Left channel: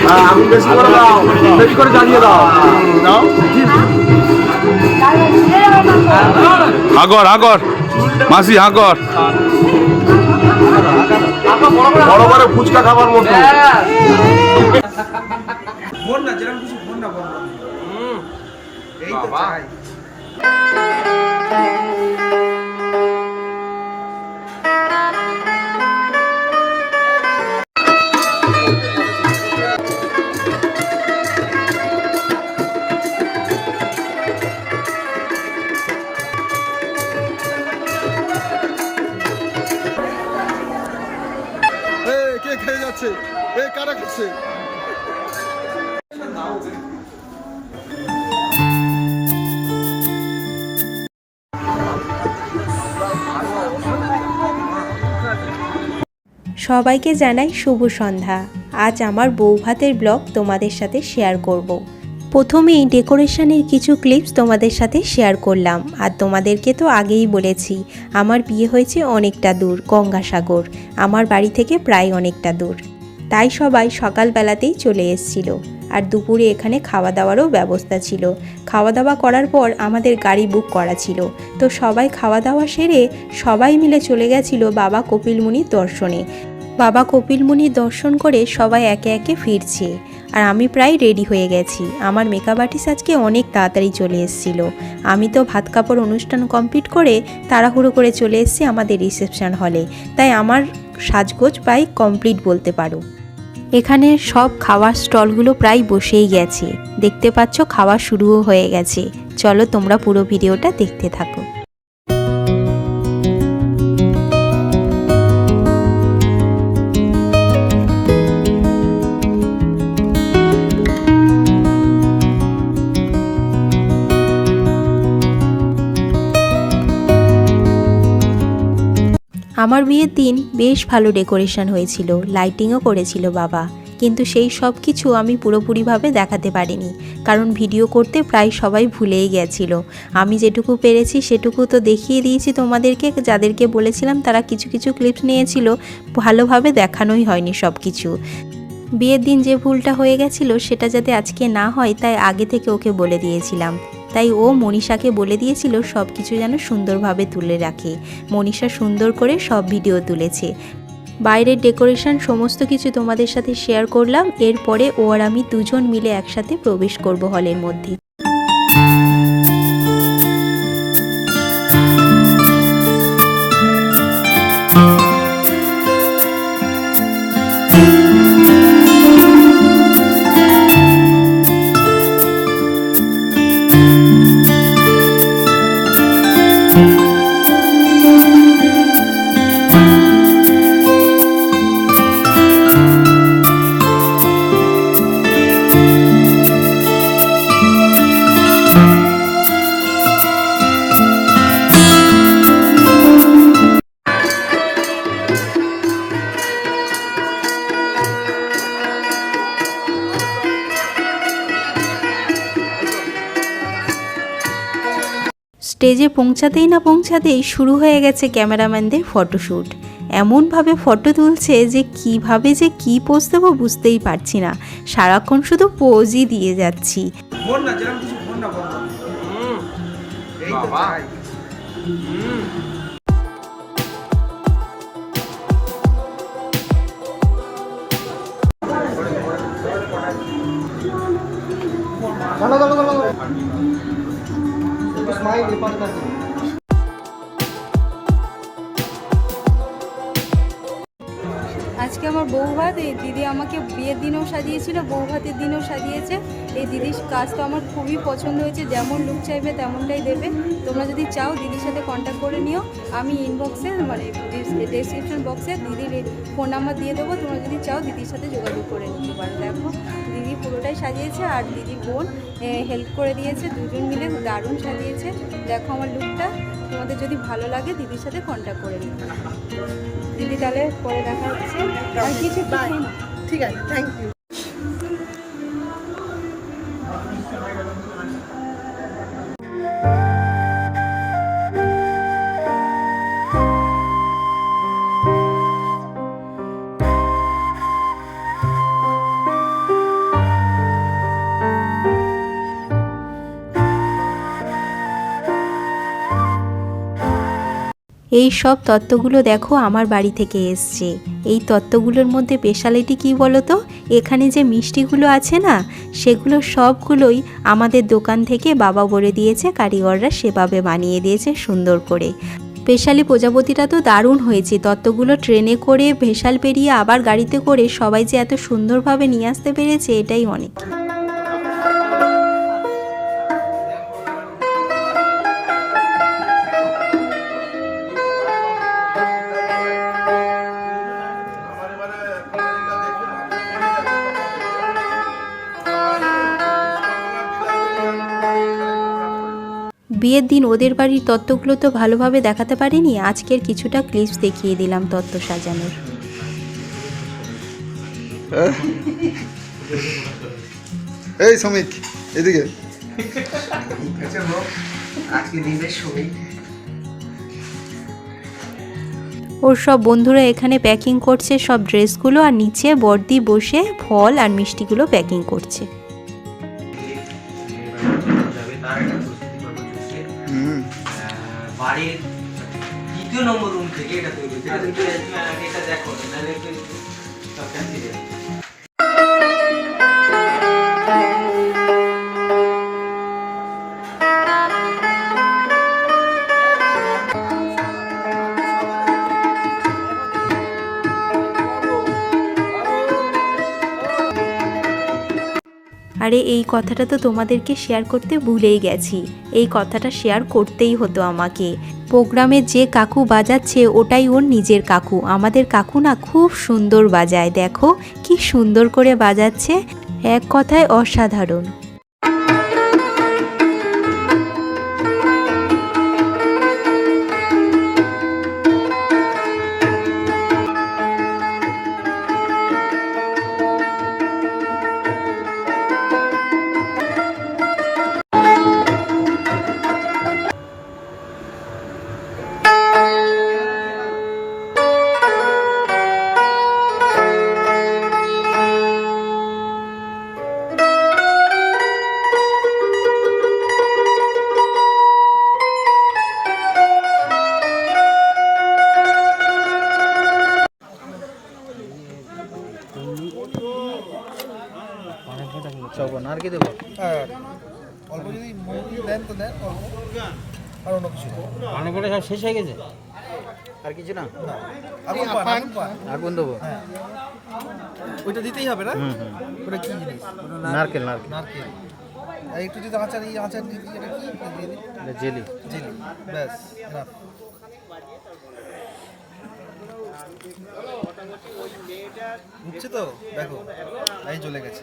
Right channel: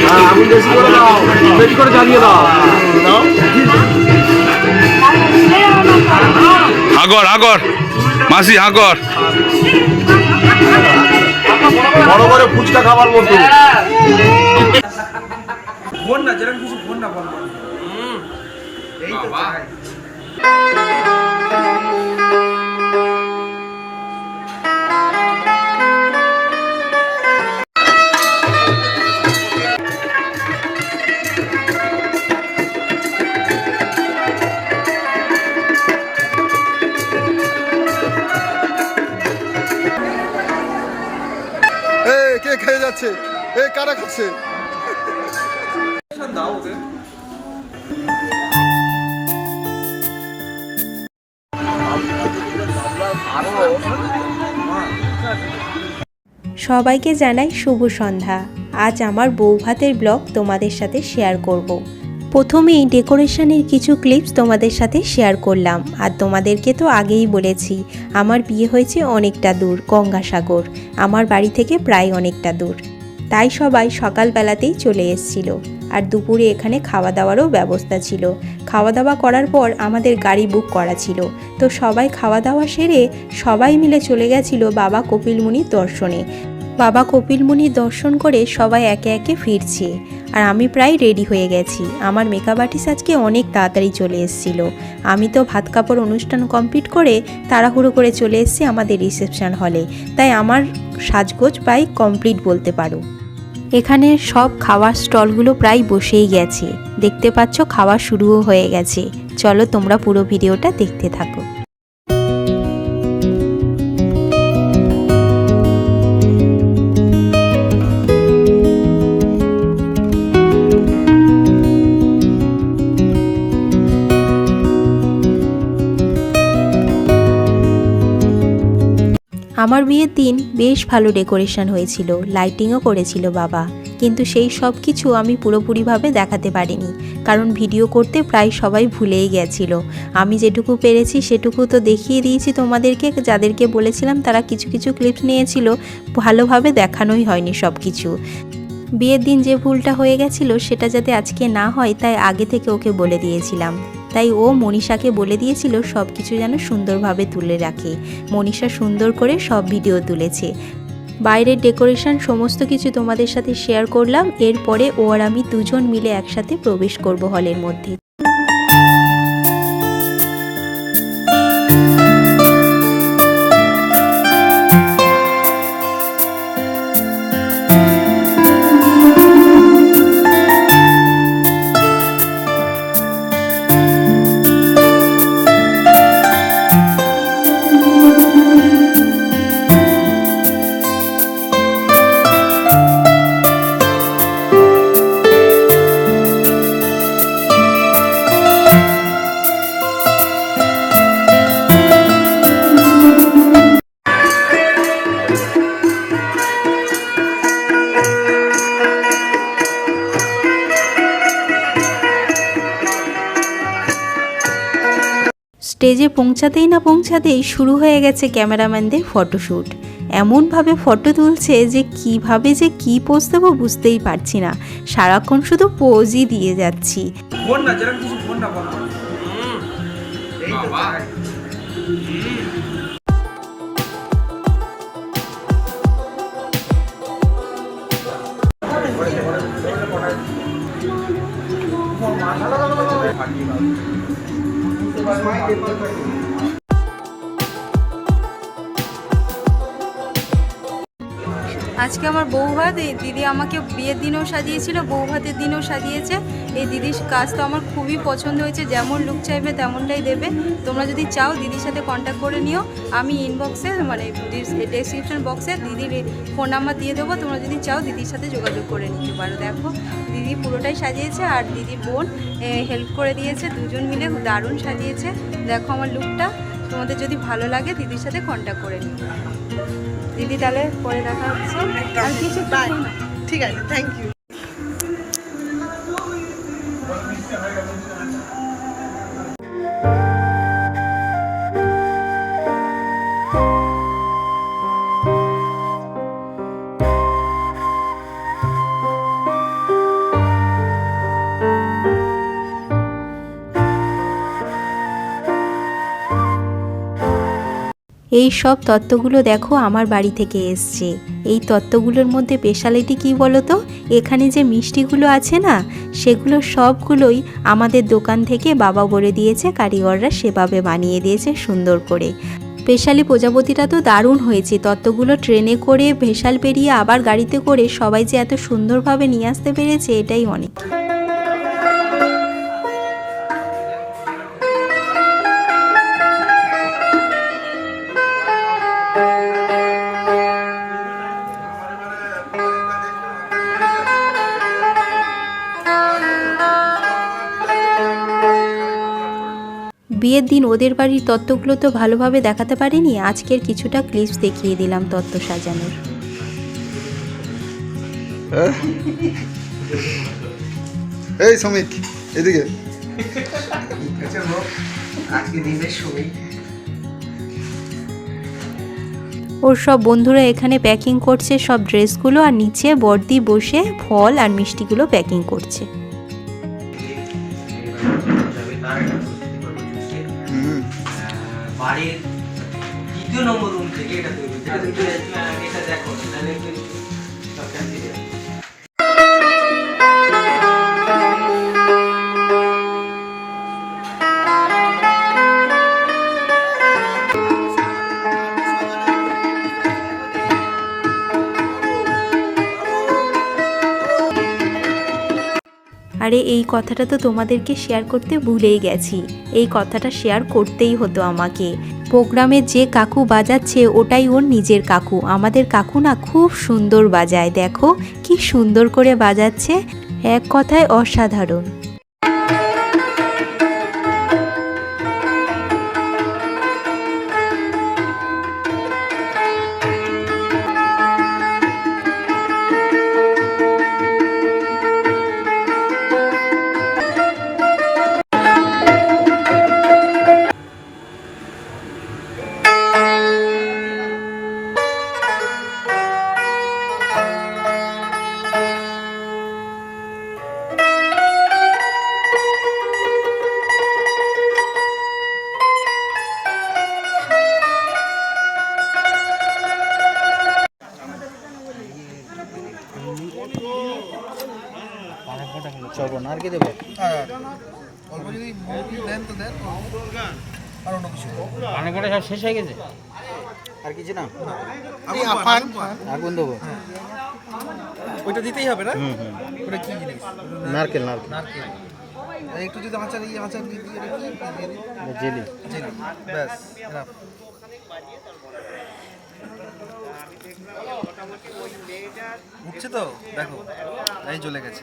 হ্যাঁ, আমি বেশি করে দাও বেশি করে জানিয়ে দাও দাও হাগর হাগর। মাসি বড় বড় ফুচকা খাবার মতো ফোন না যেরকম কিছু ফোন না বন্ধ এই তো চাই। খেয়ে এ, কারা খাচ্ছে সবাইকে জানাই শুভ সন্ধ্যা। আজ আমার বৌভাতের ব্লগ তোমাদের সাথে শেয়ার করব। প্রথমেই ডেকোরেশনের কিছু ক্লিপস তোমাদের সাথে শেয়ার করলাম। আর তোমাদেরকে তো আগেই বলেছি, আমার বিয়ে হয়েছে অনেকটা দূর, গঙ্গাসাগর। আমার বাড়ি থেকে প্রায় অনেকটা দূর। তাই সবাই সকালবেলাতেই চলে এসছিল। আর দুপুরে এখানে খাওয়া দাওয়ারও ব্যবস্থা ছিল। খাওয়া দাওয়া করার পর আমাদের গাড়ি বুক করা ছিল। তো সবাই খাওয়া দাওয়া সেরে সবাই মিলে চলে গেছিল বাবা কপিলমুনির দর্শনে। বাবা কপিল কপিলমুনির দর্শন করে সবাই একে একে ফিরছে। আর আমি প্রায় রেডি হয়ে গেছি। আমার মেকআপ আর্টিস্ট আজকে অনেক তাড়াতাড়ি চলে এসেছিল। আমি তো ভাত কাপড় অনুষ্ঠান কমপ্লিট করে তাড়াহুড়ো করে চলে এসেছি আমাদের রিসেপশন হলে তাই আমার সাজগোজ প্রায় কমপ্লিট বলতে পারো। এখানে সব খাওয়ার স্টলগুলো প্রায় বসেই গেছে। দেখতে পাচ্ছ খাওয়া শুরুও হয়ে গেছে। চলো তোমরা পুরো ভিডিওটা দেখতে থাকো। আমার বিয়ের দিন বেশ ভালো ডেকোরেশন হয়েছিল, লাইটিংও করেছিল বাবা। কিন্তু সেই সব কিছু আমি পুরোপুরিভাবে দেখাতে পারিনি, কারণ ভিডিও করতে প্রায় সবাই ভুলেই গেছিল। আমি যেটুকু পেরেছি সেটুকু তো দেখিয়ে দিয়েছি তোমাদেরকে, যাদেরকে বলেছিলাম তারা কিছু কিছু ক্লিপস নিয়েছিল, ভালোভাবে দেখানোই হয়নি সব কিছু। বিয়ের দিন যে ভুলটা হয়ে গেছিল সেটা যাতে আজকে না হয়, তাই আগে থেকে ওকে বলে দিয়েছিলাম। তাই ও মনীষাকে বলে দিয়েছিল সব কিছু যেন সুন্দরভাবে তুলে রাখে। মনীষা সুন্দর করে সব ভিডিও তুলেছে। বাইরের ডেকোরেশন সমস্ত কিছু তোমাদের সাথে শেয়ার করলাম। এরপরে ও আর আমি দুজন মিলে একসাথে প্রবেশ করব হলের মধ্যে। স্টেজে পৌঁছাতেই না পৌঁছাতেই শুরু হয়ে গেছে ক্যামেরাম্যানদের ফটোশ্যুট। এমনভাবে ফটো তুলছে যে কীভাবে যে কি পোজ দেবো বুঝতেই পারছি না। সারাক্ষণ শুধু পোজই দিয়ে যাচ্ছি। না কিছু না আজকে আমার বউ ভাত এই দিদি আমাকে বিয়ের দিনেও সাজিয়েছিল বউ ভাতের দিনেও সাজিয়েছে। এই দিদির কাজ তো আমার খুবই পছন্দ হয়েছে যেমন লুক চাইবে তেমনটাই দেবে। তোমরা যদি চাও দিদির সাথে কন্ট্যাক্ট করে নিও। আমি ইনবক্সে মানে ডেসক্রিপশন বক্সে দিদির ফোন নাম্বার দিয়ে দেবো। তোমরা যদি চাও দিদির সাথে যোগাযোগ করে নিতে পারো। দেখো দিদি পুরোটাই সাজিয়েছে আর দিদির বোন হেল্প করে দিয়েছে। দুজন মিলে দারুণ সাজিয়েছে। দেখো আমার লুকটা তোমাদের যদি ভালো লাগে দিদির সাথে কন্ট্যাক্ট করে নিও। দিদি তাহলে পরে দেখা হচ্ছে। আর কিছু ঠিক আছে থ্যাংক ইউ এই সব তত্ত্বগুলো দেখো আমার বাড়ি থেকে এসছে। এই তত্ত্বগুলোর মধ্যে স্পেশালিটি কী বলো তো এখানে যে মিষ্টিগুলো আছে না, সেগুলো সবগুলোই আমাদের দোকান থেকে বাবা বলে দিয়েছে, কারিগররা সেভাবে বানিয়ে দিয়েছে সুন্দর করে। স্পেশালি প্রজাপতিটা তো দারুণ হয়েছে। তত্ত্বগুলো ট্রেনে করে ভেসাল পেরিয়ে আবার গাড়িতে করে সবাই যে এত সুন্দরভাবে নিয়ে আসতে পেরেছে, এটাই অনেক। বিয়ের দিন ওদের বাড়ির তত্ত্বগুলো তো ভালোভাবে দেখাতে পারিনি আজকের কিছুটা ক্লিপস দেখিয়ে দিলাম তত্ত্ব সাজানোর। এই শ্রমিক এদিকে। আজকে দিনের সময় ওর সব বন্ধুরা এখানে প্যাকিং করছে সব ড্রেসগুলো আর নিচে বর্দি বসে ফল আর মিষ্টিগুলো প্যাকিং করছে। বাড়ির দ্বিতীয় নম্বর রুম থেকে এটা তৈরি হচ্ছে এটা দেখো তাহলে আরে এই কথাটা তো তোমাদেরকে শেয়ার করতে ভুলেই গেছি। এই কথাটা শেয়ার করতেই হতো আমাকে। প্রোগ্রামে যে কাকু বাজাচ্ছে, ওটাই ওর নিজের কাকু। আমাদের কাকু না খুব সুন্দর বাজায়, দেখো। কি সুন্দর করে বাজাচ্ছে। এক কথায় অসাধারণ। অল্প যদি মুরগি দেন তো দেন আর অন্য কিছু সব শেষ হয়ে গেছে? আপনি। পান আগুন দেবো। ওইটা দিতেই হবে না? ওটা কি জিনিস? নারকেল। নারকেল নারকেল। আর একটু যদি আচার এই আচার দিয়ে দিই এটা কি? জেলি? জেলি। ব্যাস। উঠছে তো? দেখো এই চলে গেছে।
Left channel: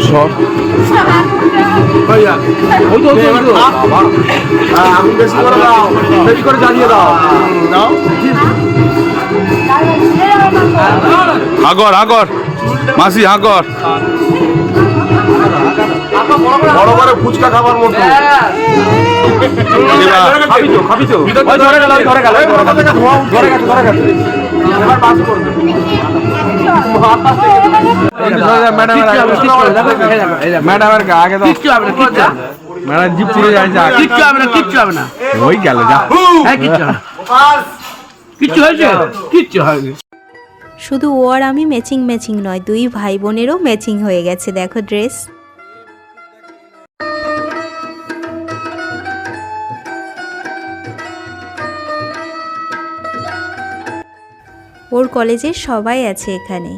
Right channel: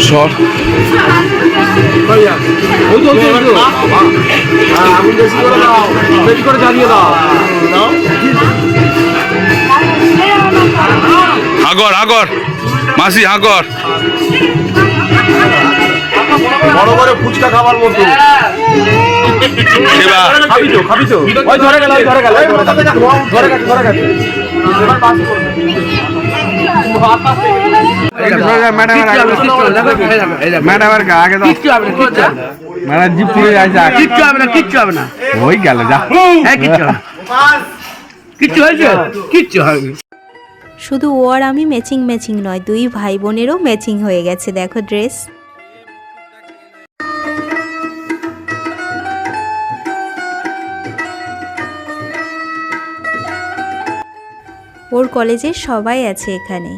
সর। হ্যাঁ, আমি বেশি করে দাও বেশি করে জানিয়ে দাও দাও হাগর। হাগর মাসি হাগর বড় বড় ফুচকা খাবার মতো ধরে গেল। ধরে গেল ধরে ধরে ম্যাডামের আগে দাও। কিচ্ছু হবে না ম্যাডাম জিপ পুরো যাচ্ছে কিচ্ছু হবে না কিচ্ছু হবে না। ওই গেল যা। হ্যাঁ কিচ্ছু কিচ্ছু হয়েছে? কিচ্ছু হবে শুধু ও আর আমি ম্যাচিং ম্যাচিং নয় দুই ভাই বোনেরও ম্যাচিং হয়ে গেছে দেখো ড্রেস। ওর কলেজের সবাই আছে এখানে।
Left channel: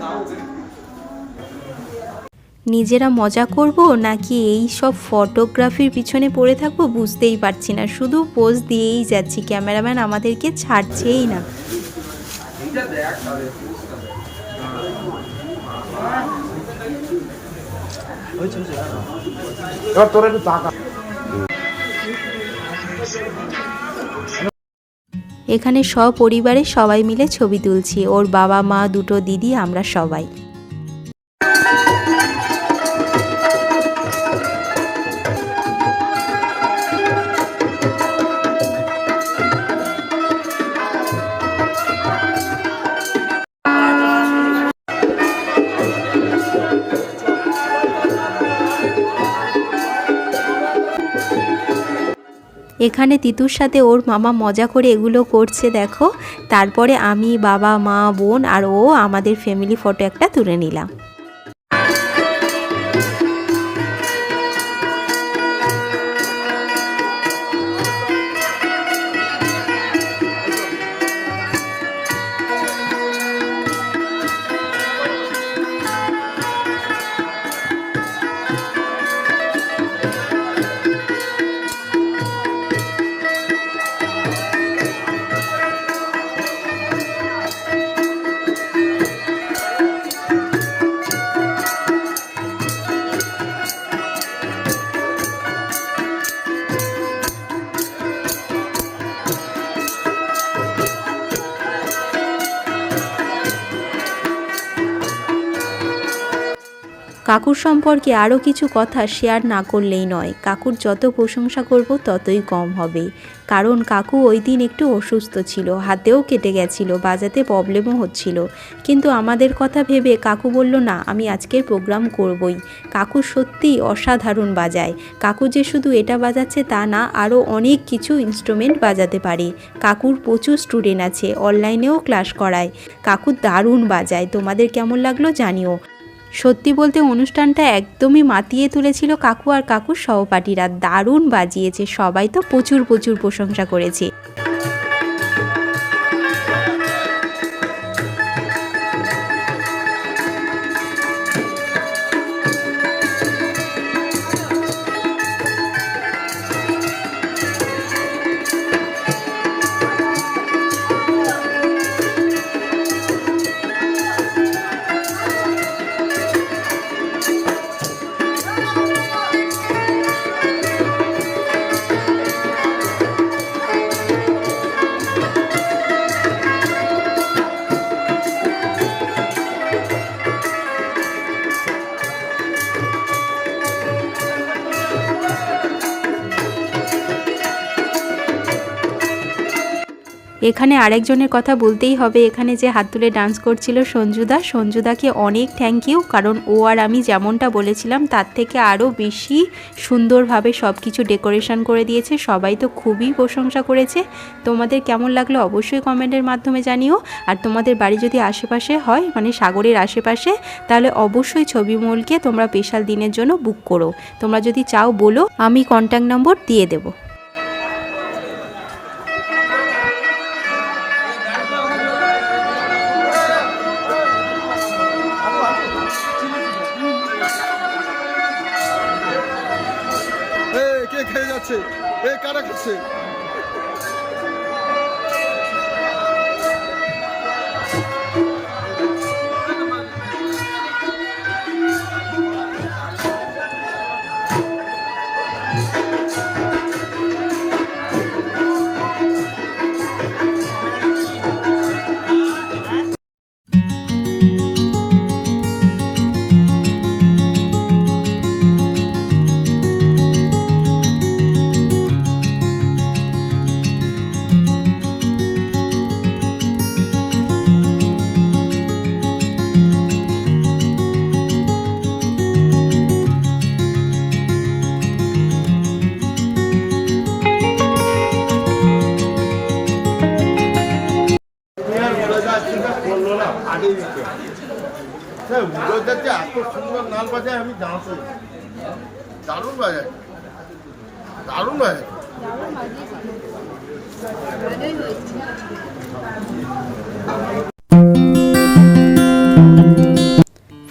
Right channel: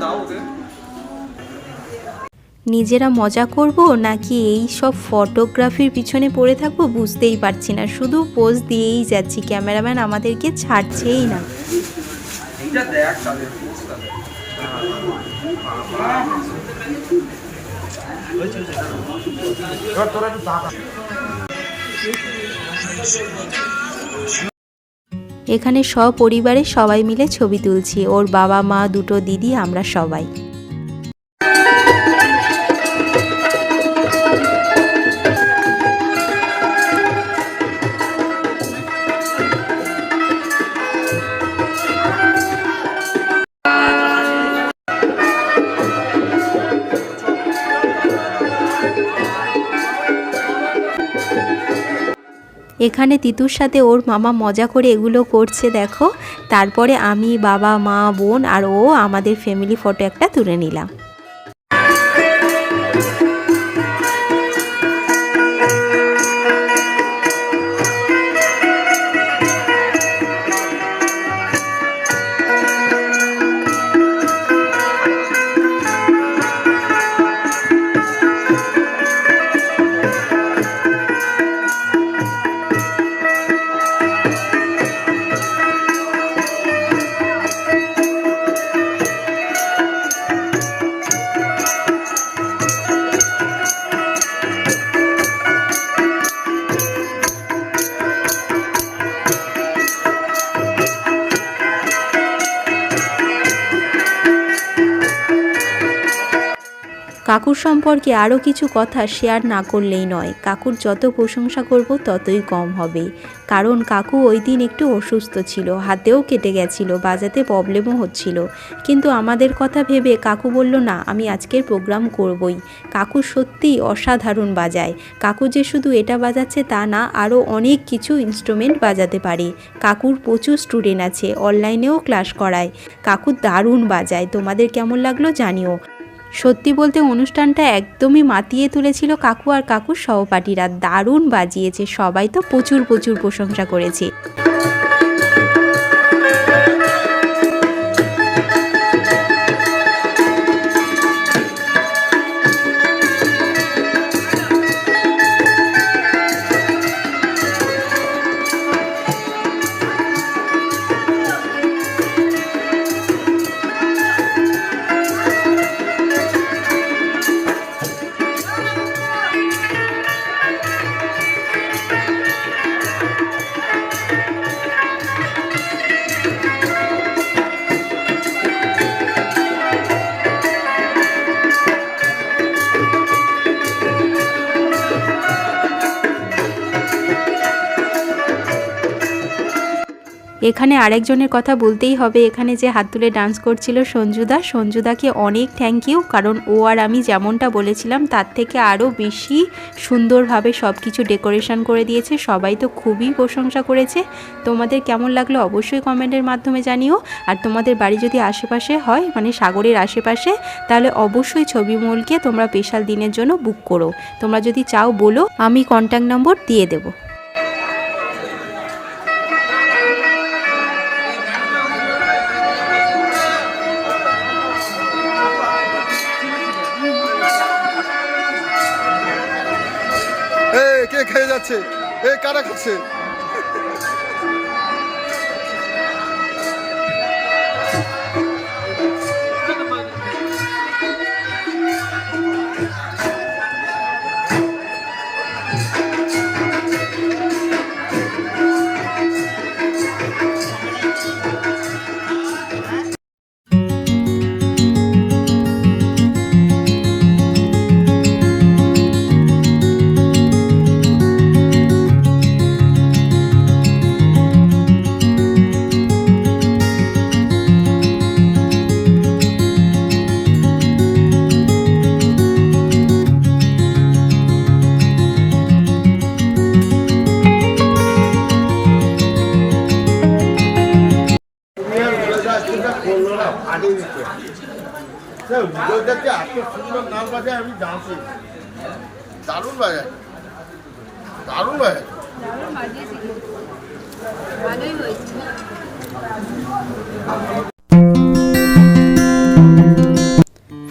দাও ওটা নিজেরা মজা করব নাকি এই সব ফটোগ্রাফির পিছনে পড়ে থাকব বুঝতেই পারছি না। শুধু পোজ দিয়েই যাচ্ছি ক্যামেরাম্যান আমাদেরকে ছাড়ছেই না। এখানে সপরিবারে সবাই মিলে ছবি তুলছি, ওর বাবা মা দুটো দিদি, আমরা সবাই। এখানে তিতুর সাথে ওর মামা মজা করে এগুলো করছে, দেখো। তারপরে আমি বাবা, মা, বোন আর ও আমাদের ফ্যামিলি ফটো একটা তুলে নিলাম। কাকুর সম্পর্কে আরও কিছু কথা শেয়ার না করলেই নয়। কাকুর যত প্রশংসা করব, ততই কম হবে। কারণ কাকু ওই দিন একটু অসুস্থ ছিল, হাতেও কেটে গেছিল, বাজাতে প্রবলেমও হচ্ছিল। কিন্তু আমাদের কথা ভেবে কাকু বলল, না, আমি আজকের প্রোগ্রাম করবই। কাকু সত্যিই অসাধারণ বাজায়। কাকু যে শুধু এটা বাজাচ্ছে তা না, আরও অনেক কিছু ইনস্ট্রুমেন্ট বাজাতে পারে। কাকুর প্রচুর স্টুডেন্ট আছে অনলাইনেও ক্লাস করায়। কাকু দারুণ বাজায়। তোমাদের কেমন লাগল জানিও। সত্যি বলতে অনুষ্ঠানটা একদমই মাতিয়ে তুলেছিল কাকু আর কাকুর সহপাঠীরা। দারুণ বাজিয়েছে, সবাই তো প্রচুর প্রচুর প্রশংসা করেছে। এখানে আরেকজনের কথা বলতেই হবে। এখানে যে হাত তুলে ডান্স করছিল সঞ্জুদা, সঞ্জুদাকে অনেক থ্যাংক ইউ কারণ ও আর আমি যেমনটা বলেছিলাম, তার থেকে আরও বেশি সুন্দরভাবে সব কিছু ডেকোরেশন করে দিয়েছে। সবাই তো খুবই প্রশংসা করেছে। তোমাদের কেমন লাগল অবশ্যই কমেন্টের মাধ্যমে জানিও। আর তোমাদের বাড়ি যদি আশেপাশে হয় মানে সাগরের আশেপাশে, তাহলে অবশ্যই ছবি মলকে তোমরা স্পেশাল দিনের জন্য বুক করো। তোমরা যদি চাও বলো, আমি কন্ট্যাক্ট নম্বর দিয়ে দেবো। এ কে খেয়ে যাচ্ছে? এ কারা খাচ্ছে? দারুণ বাজায়। দারুণ বাজায়। দারুণ। ভালোই হয়েছে।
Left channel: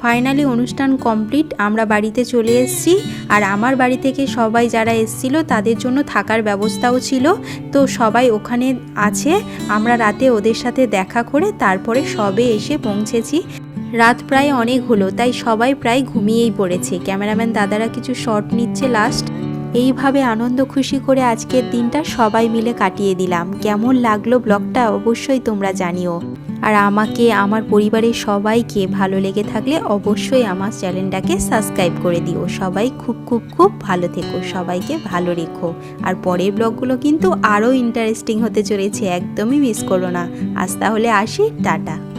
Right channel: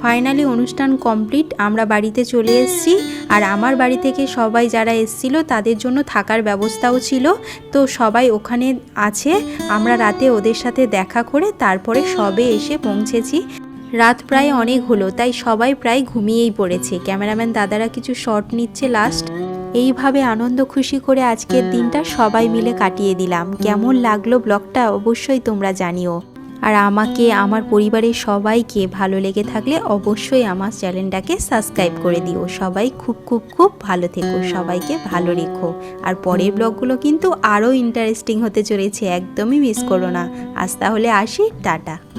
ফাইনালি অনুষ্ঠান কমপ্লিট আমরা বাড়িতে চলে এসেছি। আর আমার বাড়ি থেকে সবাই যারা এসেছিল তাদের জন্য থাকার ব্যবস্থাও ছিল। তো সবাই ওখানে আছে। আমরা রাতে ওদের সাথে দেখা করে তারপরে সবে এসে পৌঁছেছি। রাত প্রায় অনেক হলো, তাই সবাই প্রায় ঘুমিয়েই পড়েছে। ক্যামেরাম্যান দাদারা কিছু শট নিচ্ছে লাস্ট এইভাবে আনন্দ খুশি করে আজকের দিনটা সবাই মিলে কাটিয়ে দিলাম। কেমন লাগল ব্লগটা অবশ্যই তোমরা জানিও। আর আমাকে, আমার পরিবারের সবাইকে ভালো লেগে থাকলে অবশ্যই আমার চ্যানেলটাকে সাবস্ক্রাইব করে দিও। সবাই খুব খুব খুব ভালো থেকো, সবাইকে ভালো রেখো। আর পরের ব্লগগুলো কিন্তু আরও ইন্টারেস্টিং হতে চলেছে, একদমই মিস করো না। আজ তাহলে আসি, টাটা।